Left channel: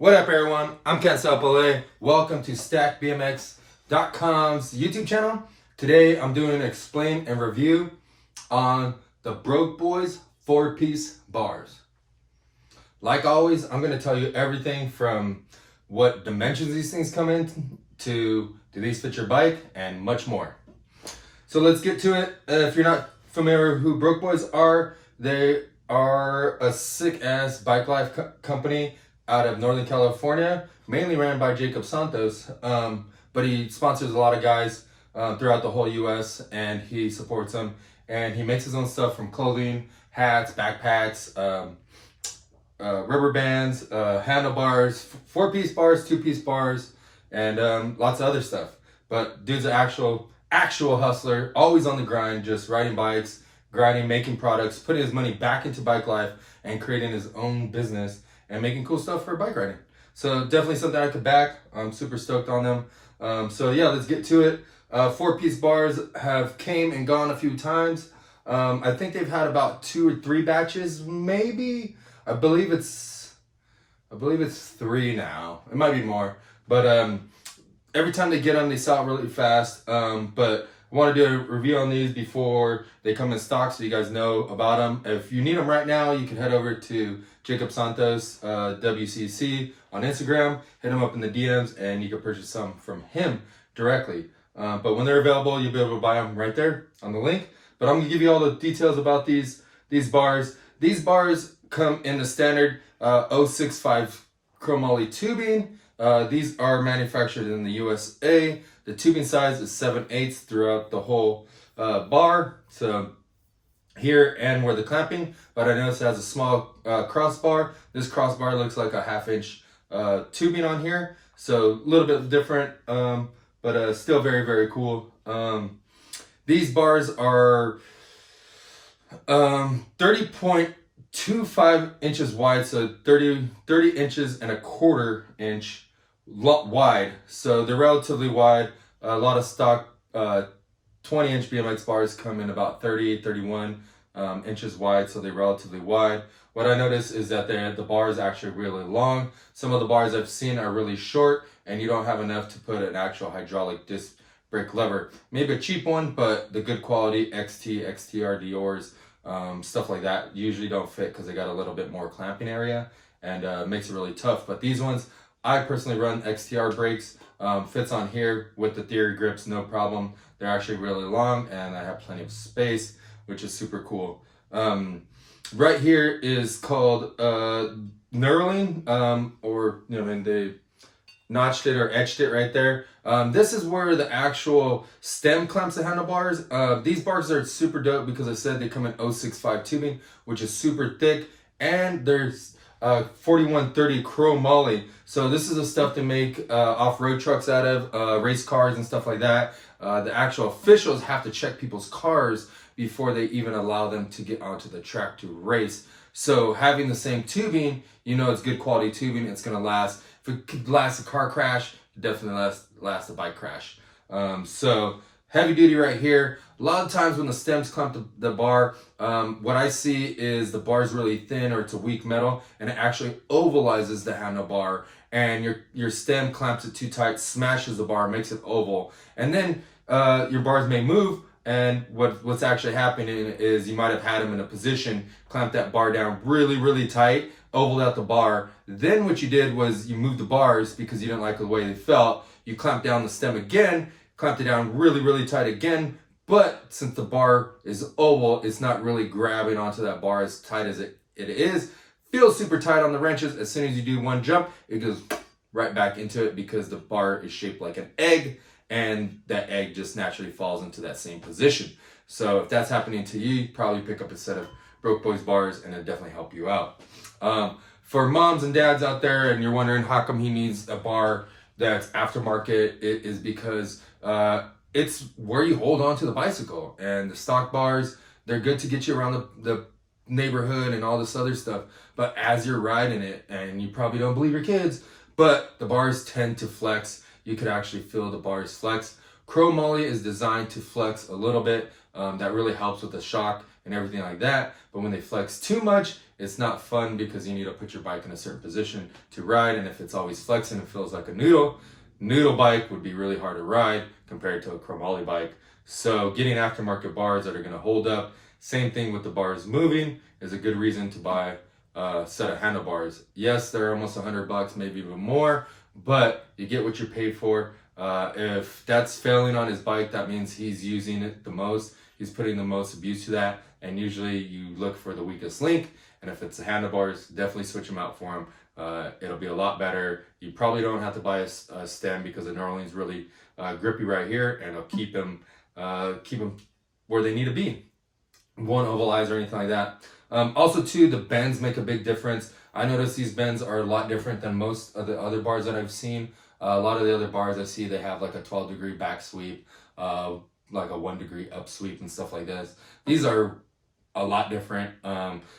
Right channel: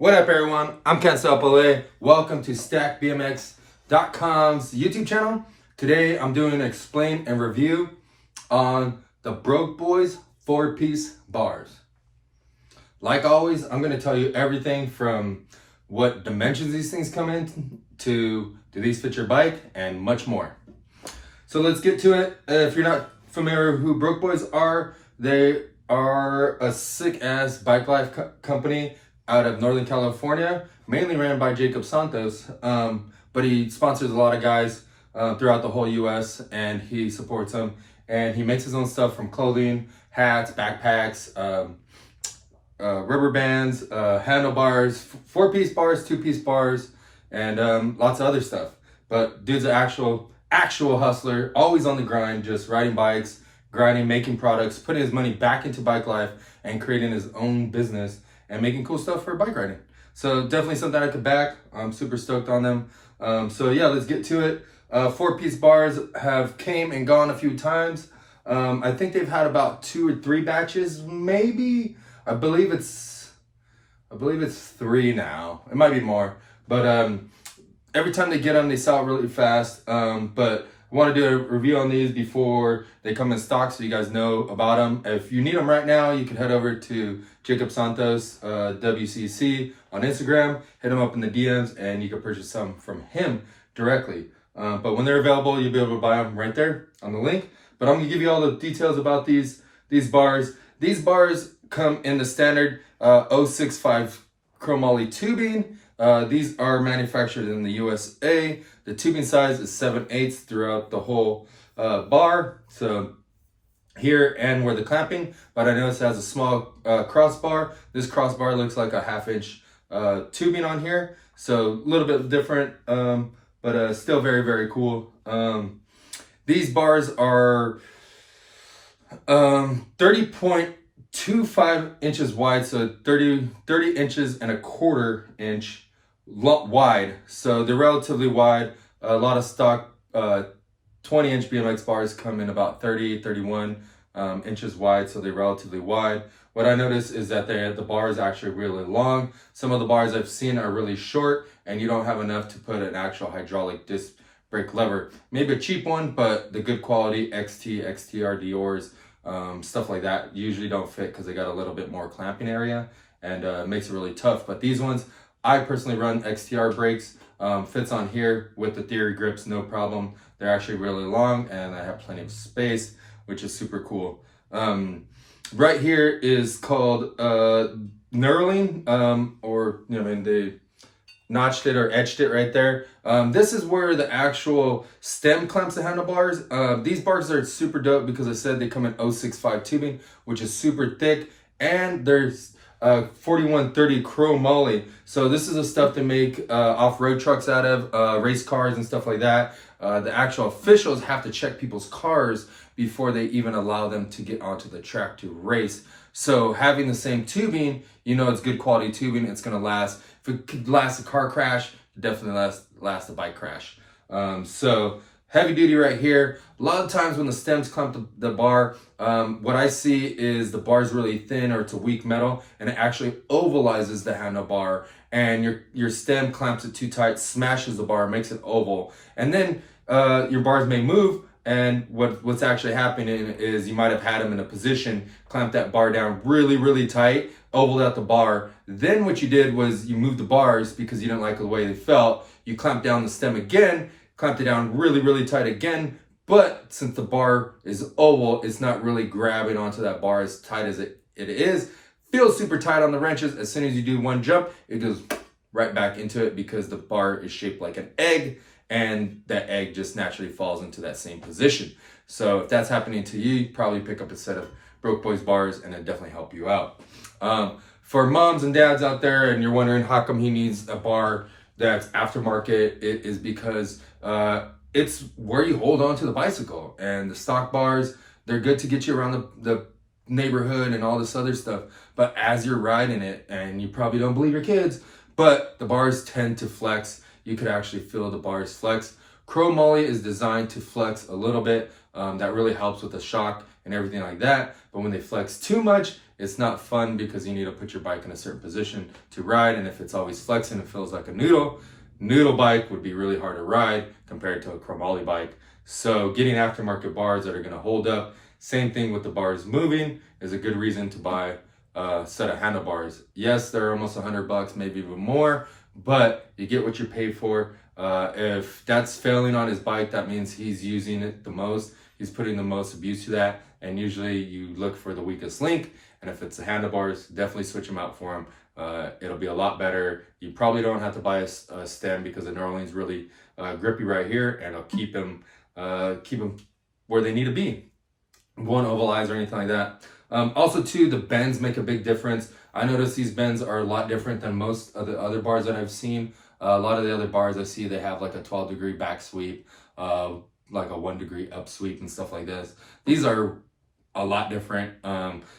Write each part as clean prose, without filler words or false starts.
What up, everyone? I'm Ken Sapale. Welcome to StackBMX.com's YouTube channel. Today, I'm doing an explain and review on the Brokeboyz 4-piece bars. Like always, I'm going to tell you everything from what dimensions these things come in to do these fit your bike and much more. So let's get to it. If you're not familiar with who Brokeboyz are, they are a sick-ass bike life company out of Northern California, mainly ran by Jacob Santos, but he sponsors a lot of guys throughout the whole US, and he supports them, and he makes his own stuff from clothing, hats, backpacks, rubber bands, handlebars, 4-piece bars, 2-piece bars, and lots of other stuff. But dude's an actual hustler, always on the grind, just riding bikes, grinding, making products, putting his money back into bike life, and creating his own business and making cool stuff for bike riding. So definitely something I could back. I'm super stoked on them. So yeah, let's get to it. 4-piece bars have came and gone a few times. I think they've had about 2 or 3 batches, maybe. I believe it's 3 now. It might be more, but every time they get them, they sell it really fast. But I want to do a review on these before they come in stock so you guys know about them. If you need them right now, you can head over to Jacob Santos, WCC on Instagram, hit him up in the DMs, and you can purchase some from him directly. But when they're available, you'll be able to buy them right there on the link. But I'm going to give you all the details about these bars. These bars come in the standard 065 chromoly tubing. These are manufactured in the USA. The tubing size is 7/8 throughout the whole bar. So here and where the clamping, but I noticed it has a small crossbar. This crossbar looks like a 1/2 inch tubing on here. So a little bit different, but still very, very cool. These bars are 30.25 inches wide, so 30 inches and a 1/4 inch wide. So they're relatively wide. A lot of stock 20-inch BMX bars come in about 31 inches wide, so they're relatively wide. What I noticed is that the bar is actually really long. Some of the bars I've seen are really short, and you don't have enough to put an actual hydraulic disc brake lever. Maybe a cheap one, but the good quality XT, XTR Dior's, stuff like that usually don't fit because they got a little bit more clamping area, and makes it really tough. But these ones, I personally run XTR brakes, fits on here with the Theory grips, no problem. They're actually really long, and I have plenty of space, which is super cool. Right here is called knurling, or they notched it or etched it right there. This is where the actual stem clamps the handlebars. These bars are super dope because I said they come in 065 tubing, which is super thick, and there's 4130 chromoly. So this is the stuff they make off-road trucks out of, race cars and stuff like that. The actual officials have to check people's cars before they even allow them to get onto the track to race. So having the same tubing, it's good quality tubing. It's gonna last. If it could last a car crash, it definitely last a bike crash. So heavy duty right here. A lot of times when the stems clamp the bar, what I see is the bar is really thin or it's a weak metal, and it actually ovalizes the handlebar, and your stem clamps it too tight, smashes the bar, makes it oval, and then your bars may move. And what's actually happening is you might have had them in a position, clamp that bar down really, really tight, ovaled out the bar. Then what you did was you moved the bars because you didn't like the way they felt. You clamped down the stem again, clamped it down really, really tight again. But since the bar is oval, it's not really grabbing onto that bar as tight as it is. Feels super tight on the wrenches. As soon as you do one jump, it goes right back into it because the bar is shaped like an egg, and that egg just naturally falls into that same position. So if that's happening to you, probably pick up a set of Brokeboyz bars, and it'll definitely help you out. For moms and dads out there, and you're wondering how come he needs a bar that's aftermarket, it is because it's where you hold on to the bicycle. And the stock bars, they're good to get you around the neighborhood and all this other stuff. But as you're riding it, and you probably don't believe your kids, but the bars tend to flex. You could actually feel the bars flex. Chromoly is designed to flex a little bit. That really helps with the shock and everything like that. But when they flex too much, It's not fun because you need to put your bike in a certain position to ride, and if it's always flexing, it feels like a noodle bike would be really hard to ride compared to a chromoly bike. So getting aftermarket bars that are going to hold up, same thing with the bars moving, is a good reason to buy a set of handlebars. Yes, they're almost $100, maybe even more, but you get what you pay for. If that's failing on his bike, that means he's using it the most. He's putting the most abuse to that, and usually you look for the weakest link. And if it's the handlebars, definitely switch them out for him. It'll be a lot better. You probably don't have to buy a stem because the knurling's really grippy right here, and it'll keep them where they need to be. Won't ovalize or anything like that. Also, too, the bends make a big difference. I notice these bends are a lot different than most of the other bars that I've seen. A lot of the other bars I see, they have like a 12-degree back sweep, like a 1-degree up sweep and stuff like this. These are a lot different.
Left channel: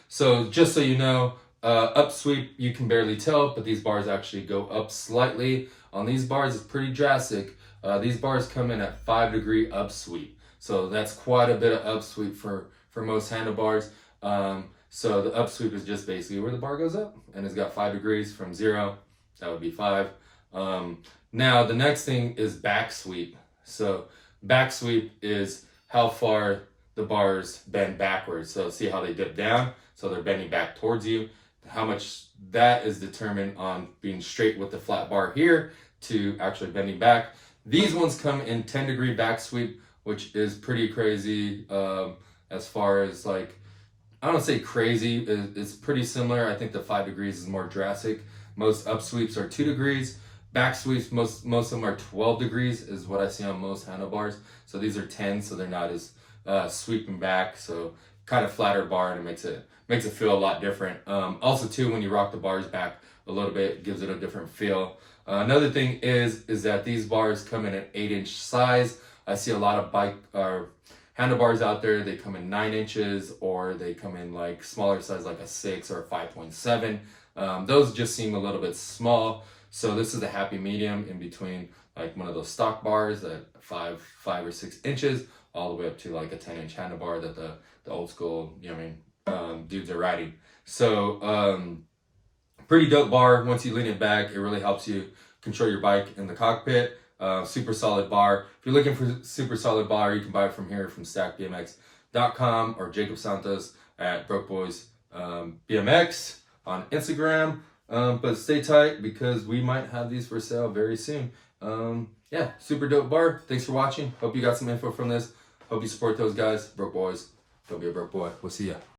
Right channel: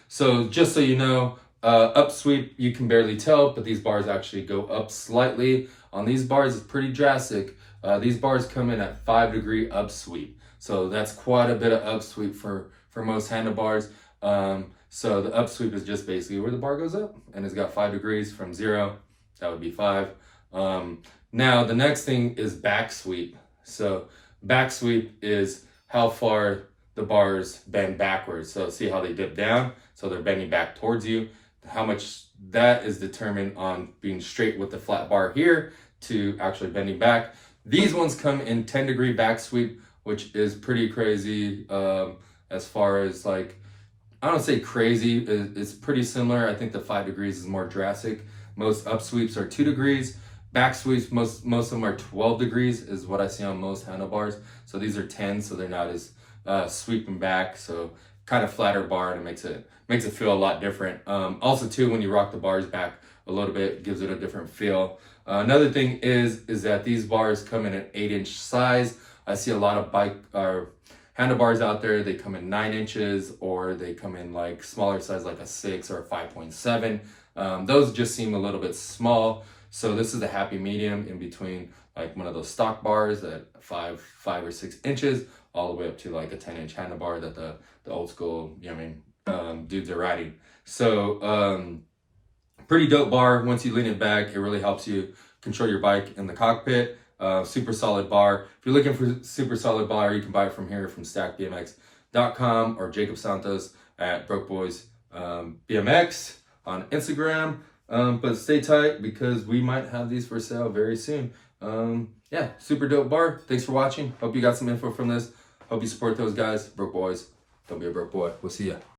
So just so you know, up sweep, you can barely tell, but these bars actually go up slightly. On these bars, it's pretty drastic. These bars come in at 5-degree up sweep. So that's quite a bit of up sweep for most handlebars. So the up sweep is just basically where the bar goes up, and it's got 5 degrees from 0. That would be 5. Now the next thing is back sweep. So back sweep is how far the bars bend backwards. So see how they dip down? So they're bending back towards you. How much that is determined on being straight with the flat bar here to actually bending back. These ones come in 10-degree back sweep, which is pretty crazy. As far as like, I don't say crazy, it's pretty similar. I think the 5 degrees is more drastic. Most up sweeps are 2 degrees. Back sweeps, most of them are 12 degrees is what I see on most handlebars. So these are 10, so they're not as sweeping back. So kind of flatter bar, and it makes it feel a lot different. Also too, when you rock the bars back a little bit, it gives it a different feel. Another thing is that these bars come in an 8-inch size. I see a lot of handlebars out there, they come in 9 inches, or they come in like smaller size, like a 6 or a 5.7. Those just seem a little bit small. So this is the happy medium in between like one of those stock bars at 5 or 6 inches, all the way up to like a 10-inch handlebar that the old school, dudes are riding. So pretty dope bar. Once you lean it back, it really helps you control your bike in the cockpit. Super solid bar. If you're looking for super solid bar, you can buy it from here, from stackbmx.com, or Jacob Santos at Brokeboyz BMX on Instagram. But stay tight because we might have these for sale very soon. Yeah, super dope bar. Thanks for watching. Hope you got some info from this. Hope you support those guys. Brokeboyz. Don't be a broke boy. We'll see ya.